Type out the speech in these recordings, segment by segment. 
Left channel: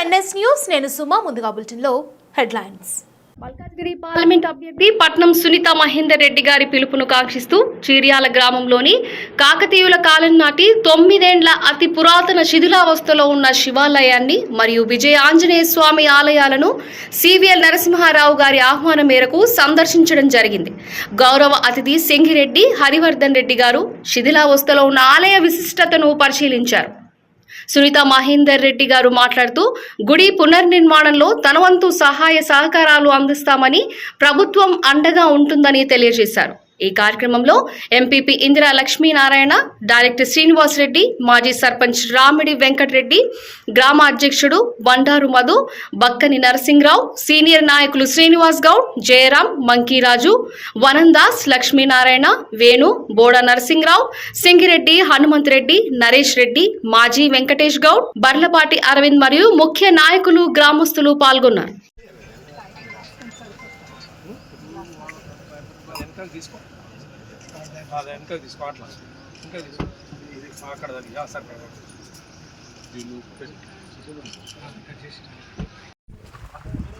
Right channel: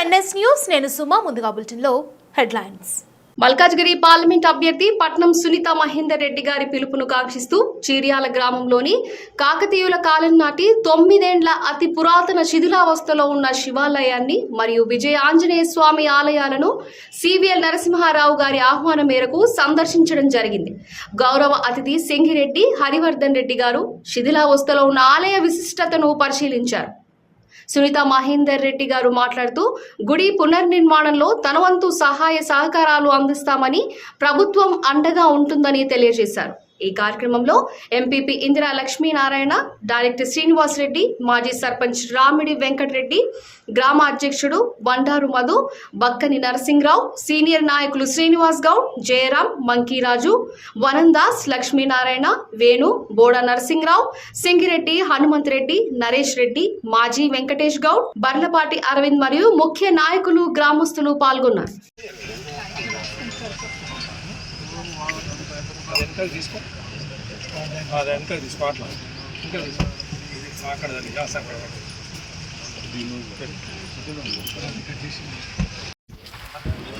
NS news నేను సుమా ముందుగా బులెటిన్లో హెడ్లైన్స్. మల్కాజ్గిరి పార్లమెంట్ అభ్యర్థి పట్నం సునీత మహేందర్ రెడ్డి గారి పిలుపును కాంక్షిస్తూ చీర్యాల గ్రామంలోని కాకతీయుల కాలం నాటి తొమ్మిదేండ్ల అతి పురాతన శిథిలావస్థలో ఉన్న శివాలయాన్ని మరియు విజయ ఆంజనేయ స్వామి ఆలయాలను సివిఎల్ నరసింహారావు గారి ఆహ్వానం మేరకు సందర్శించడం జరిగింది. గౌరవ అతిథి సింగిరెడ్డి హరివర్ధన్ రెడ్డి గారు శిథిలావస్థలో ఉన్న ఆలయ విశిష్టతను పరిశీలించారు. సునీత మహేందర్ రెడ్డి గారు మాట్లాడుతూ గుడి పునర్నిర్మాణంలో తన వంతు సహాయ సహకారాలు అందిస్తామని ప్రభుత్వం అండగా ఉంటుందని తెలియజేశారు. ఈ కార్యక్రమంలో ఎంపీపీ ఇందిరా లక్ష్మీనారాయణ డైరెక్టర్ శ్రీనివాస్ రెడ్డి మాజీ సర్పంచ్ రామిడి వెంకటరెడ్డి గ్రామ అధ్యక్షుడు బండారు మధు బక్కని నరసింహరావు సీనియర్ నాయకులు శ్రీనివాస్ గౌడ్ జయరాం మంకీరాజు వనందాస్ లక్ష్మీనారాయణ వేణు బోడ నరసింహరావు సింగిరెడ్డి హనుమంత్ రెడ్డి నరేష్ రెడ్డి మాజీ వెంకటేష్ గౌడ్ బర్లపాటి అరవింద్ మరియు ముఖ్య నాయకులు గ్రామస్తులు పాల్గొన్నారు. వెనకాల తీసుకో. అది వెనకాల తీసుకో అట్లా. ఇంకా తీసుకో. అక్కడ దాన్ని సార్. అక్కడ.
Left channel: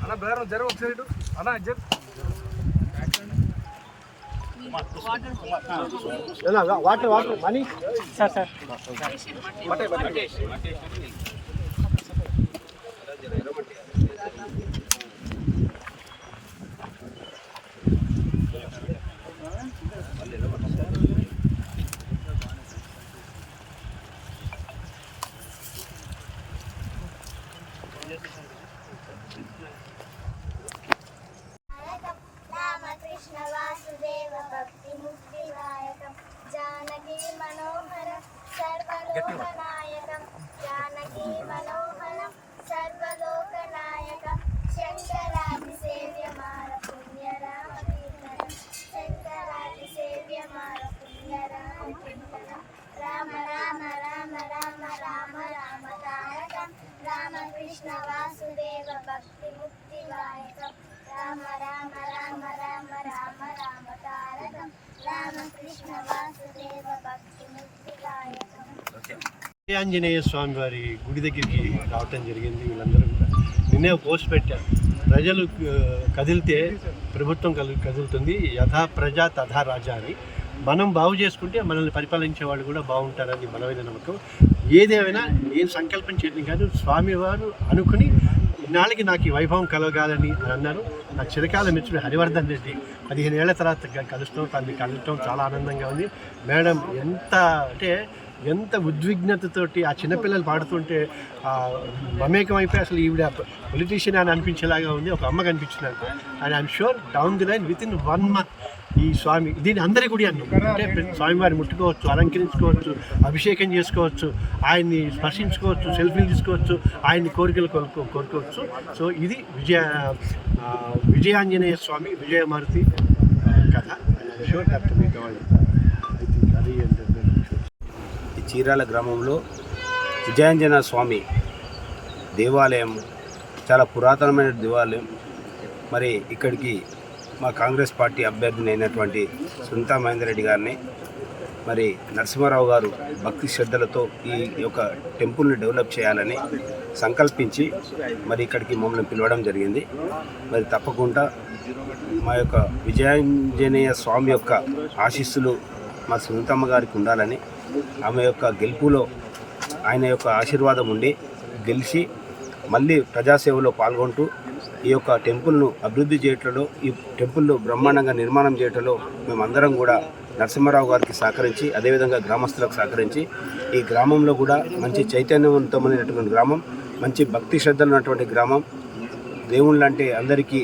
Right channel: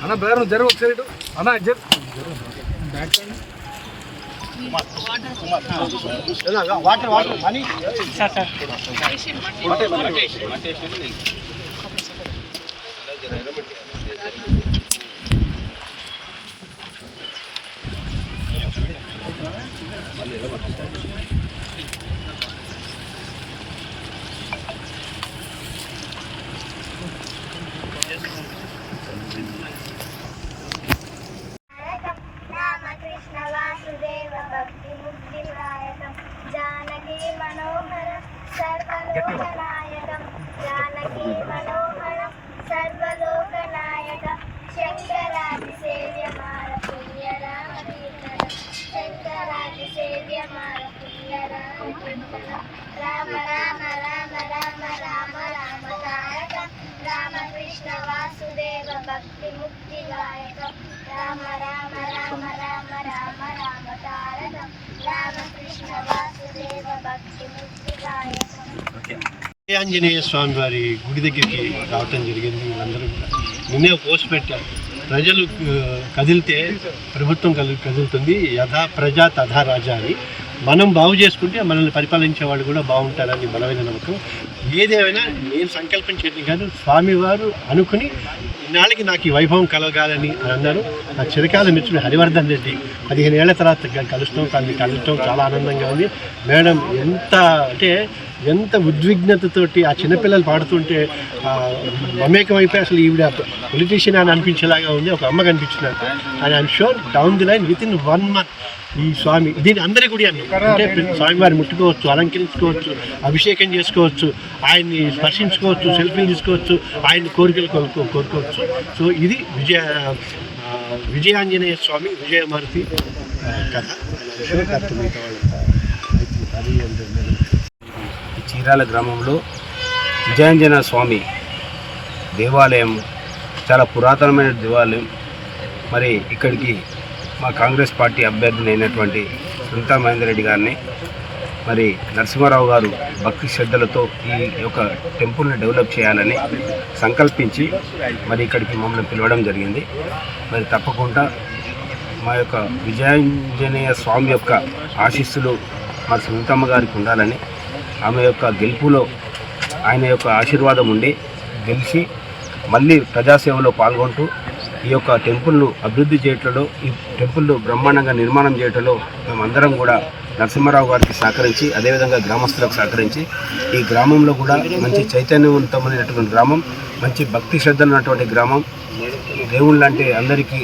అన్న బ్రదర్ నువ్వు జరుగు ఒకసారి. అన్న జరుగు water water money. Ramakrishna Rama Rama Rama Rama Rama Rama Rama Tarakam Ramakrishna Vasudeva భక్తి ముక్తి గాయకం రామ రామ రామ రామ రామ రామ తారకం రామకృష్ణ వాసుదేవ భక్తి ముక్తి గాయకం ఆంజనేయ స్వామి వారి గుడి దగ్గరికి రావటం జరిగింది వీళ్ళందరూ కూడా. నిన్నే పోస్ట్ పెట్టారు. ప్రజలు కదిలితే ప్రభుత్వం కదు కదులుతుంది. యథా ప్రజా తథా రాజా అని. మనం బాగు చేసుకుంటే మనల్ని పరిపాలించే వాళ్ళు కూడా బాగుంటారని బలమైన నమ్మకం. ఏదేమైనా నేను సంకల్పం చేయడం కాదు స్వామివారు అనుకుని ఇన్నాళ్ళకి నాకు ఈ వైభవం కలగాలని అని అన్నారు. నా చిరకాల మిత్రుడు హరివర్ధన్ రెడ్డి పదిహేను ఏళ్ళ తర్వాత కలుస్తాం తనని కలవటం చాలా ఆనందంగా ఉంది. మేడం ఎంత అంటే ఎంత ఉద్విగ్నతతోటి ఆ చిన్నపిల్లలు పాడుతుంటే మమేకం అయిపోయి అసలు ఈవిడ పొలిటీషియన్ అని అనిపించేలాగా ఉంది ఒక అమ్మ కనిపించినట్టు and I'm sure down the line within one month ఈ స్వామి దీని అందరి గుడి అన్న అంటే స్వామివారిని ముట్టుకోవచ్చు అలంకరించుకోవచ్చు అభిషేకం చేసుకోవచ్చు ఆయన్ని స్పర్శించుకోవచ్చు సెల్ఫీలు తీసుకోవచ్చు ఆయన్ని కోరికలు కొనుక్కో కోరుకోవచ్చు. సో ఇది విజయ విజయాంజనేయ స్వామి విజయమారుతి కథ. చీరాల గ్రామంలో విజయాంజన స్వామి దేవాలయం చాలా పురాతనమైన దేవాలయం. మరి ఇక్కడికి మా కాంగ్రెస్ పార్టీ అభ్యర్థిని అయినటువంటి సునీతా మహేందర్ రెడ్డి గారిని మరి నరసింహారావు గారు భక్తి శ్రద్ధలతో ఈ యొక్క టెంపుల్ని డెవలప్ చేయాలని సంకల్పించి మరి ఇక్కడికి మమ్మల్ని పిలవడం జరిగింది. మరి తప్పకుండా మా యొక్క విజయాంజనేయ స్వామి యొక్క ఆశీస్సులు మా సునీతమ్మ గారికి ఉండాలని ఆమె యొక్క గెలుపులో ఆయన యొక్క ఆశీర్వాదం ఉండి గెలిచి మళ్ళీ ప్రజాసేవలో పాల్గొంటూ ఈ యొక్క టెంపుల్ను అభివృద్ధి చేయటంలో ఈ టెంపుల్ను బ్రహ్మాండంగా నిర్మాణం చేయటంలో మేమందరం కూడా నరసింహారావు గారికి సహకరించి అదేవిధంగా గ్రామస్తులకు సహకరించి ఈ గ్రామంలో కూడా మంచి చైతన్యవంతమైనటువంటి గ్రామం మంచి భక్తి శ్రద్ధలు ఉన్నటువంటి గ్రామం. దేవుళ్ళు అంటే అందరికీ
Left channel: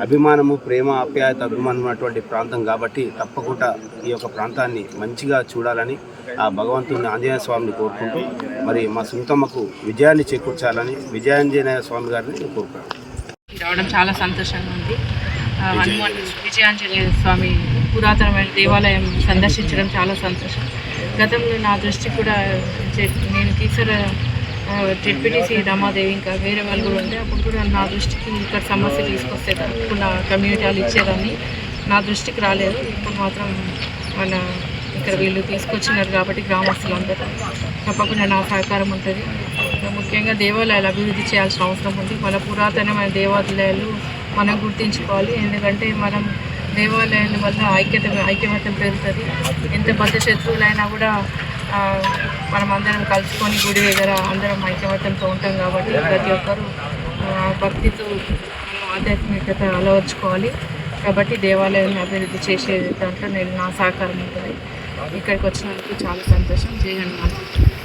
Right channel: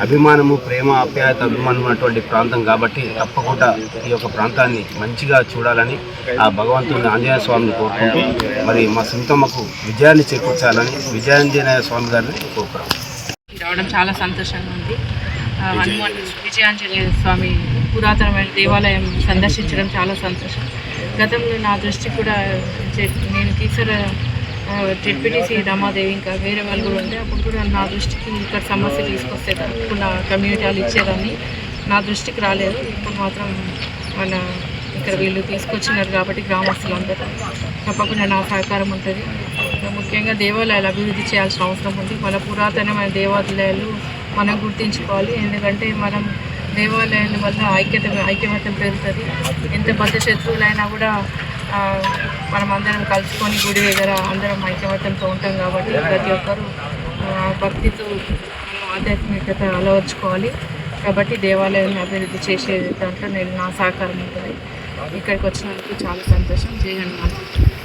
అభిమానము ప్రేమ ఆప్యాయత అభిమానం ఉన్నటువంటి ప్రాంతం కాబట్టి తప్పకుండా ఈ యొక్క ప్రాంతాన్ని మంచిగా చూడాలని ఆ భగవంతుని ఆంజనేయ స్వామిని కోరుకుంటూ మరి మా సునీతమ్మకు విజయాన్ని చేకూర్చాలని విజయాంజనేయ స్వామి గారిని కోరుకున్నాం. రావడం చాలా సంతోషంగా ఉంది. హనుమాన్ విజయాంజనేయ స్వామి పురాతనమైన దేవాలయం సందర్శించడం చాలా సంతోషం. గతంలో నా దృష్టి కూడా నేను తీసర జెడ్పీటీసీ రమాదేవి ఇంకా వేరే వాళ్ళు కూడా ఉండే అప్పుడు కూడా నా దృష్టికి ఇక్కడ సమస్య తీసుకొస్తే తప్పకుండా కమ్యూనిటీ వాళ్ళు ఇచ్చేదాన్ని. నా దృష్టికి రాలేదు. ఇప్పుడు మాత్రం మన ఇక్కడ వీళ్ళు తీసుకొచ్చినారు కాబట్టి గ్రామస్తులందరూ. తప్పకుండా నా సహకారం ఉంటుంది. ముఖ్యంగా దేవాలయాలు అభివృద్ధి చేయాల్సిన అవసరం ఉంది. మన పురాతనమైన దేవాలయాలు మనం గుర్తించుకోవాలి. ఎందుకంటే మనం దేవాలయాల వల్ల ఐక్యత ఐక్యమత్యం పెరుగుతుంది. ఎంత బద్ద శత్రువులైనా కూడా మనం అందరం కలుసుకొని గుడి దగ్గర అందరం ఐక్యమత్యంతో ఉంటాం కాబట్టి ప్రతి ఒక్కరూ భక్తితో ఆధ్యాత్మికత అలవర్చుకోవాలి. కాబట్టి దేవాలయాన్ని అభివృద్ధి చేసే దాంట్లో నేను నా సహకారం ఉంటుంది. ఇక్కడికి వచ్చినందుకు చాలా సంతోషం. జై హనుమాన్.